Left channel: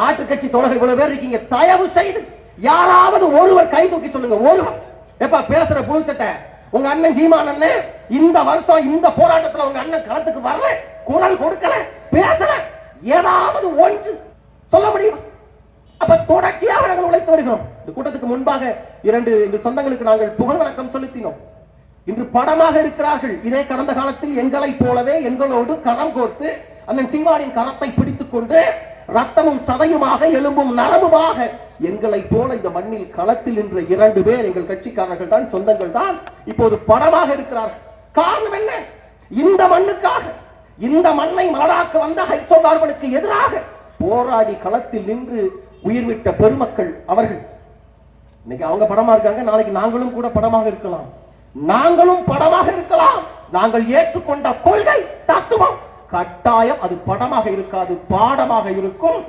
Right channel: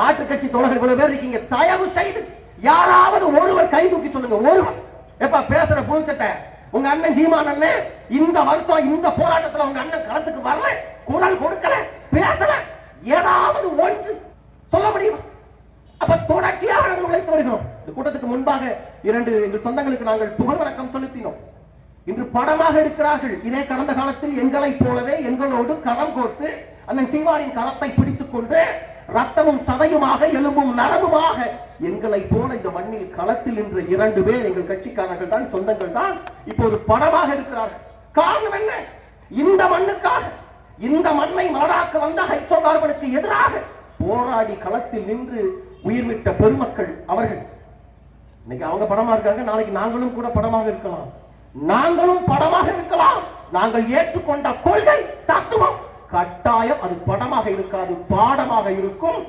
மாற்று கட்சி தோழர்கள் இவ்வளவு பேர் இருக்கீங்க, தயவு செய்து யாராவது ஒருவர் கை தூக்கி சொல்லுங்க. ஒருவர் எப்ப பேசுற புழுச்சட்டை உங்க அண்ணன் சீமான் அண்ணன் இந்த வருஷம் இந்த போராட்டத்தில் உங்க அண்ணன் களத்துக்கு வரல, குரல் கொடுக்கல, பேசல, ஏதாவது ஒன்று சொல்ல முடியும்? அப்ப தொடர்ச்சியாக நாங்கள் உழைத்து வருகிறோம். இந்த கூட்டத்துக்கு முன்பாக 2 எங்கள் சொந்தங்களுக்கு நாங்கள் புகழ் வணக்கம் செலுத்தினோம். இன்று படமாக இருக்கிறார்கள். இதே கடந்த காலத்தில் எங்களை போலவே எங்களோடு கரம் கோர்த்து அண்ணன் சீமானின் கரத்தை பிடித்துக் கொண்டு ரத்தமும் சதையுமாக எலும்பும் நரம்புமாக எங்களை போல இந்த மண்ணில் களத்தில் நின்ற 2 பேர் எங்கள் கட்சிக்காரர்கள் தான், சொந்தங்கள் தான் இப்போது படமாக இருக்கிறார்கள். காரணம் என்ன? இந்த மண்ணுக்காக, இந்த மண்ணை நாடாக்க வந்த ஹைட்ரோ கார்பனுக்கு எதிராக போராடி களத்தில் நின்று உயிர் விட்ட பெருமக்கள் அவர்கள். இன்னைக்கு அவங்க படமா இருக்காங்க, நாளைக்கு நாங்களும் கூட படமாக இருக்கலாம். நாங்களும் படமாக இருக்கலாம். நாங்கள் ஏற்றுக்கொண்ட கொள்கை தத்துவம் கட்டாயம் அது படமாக இருக்காது, பாடமாக இருக்கும்.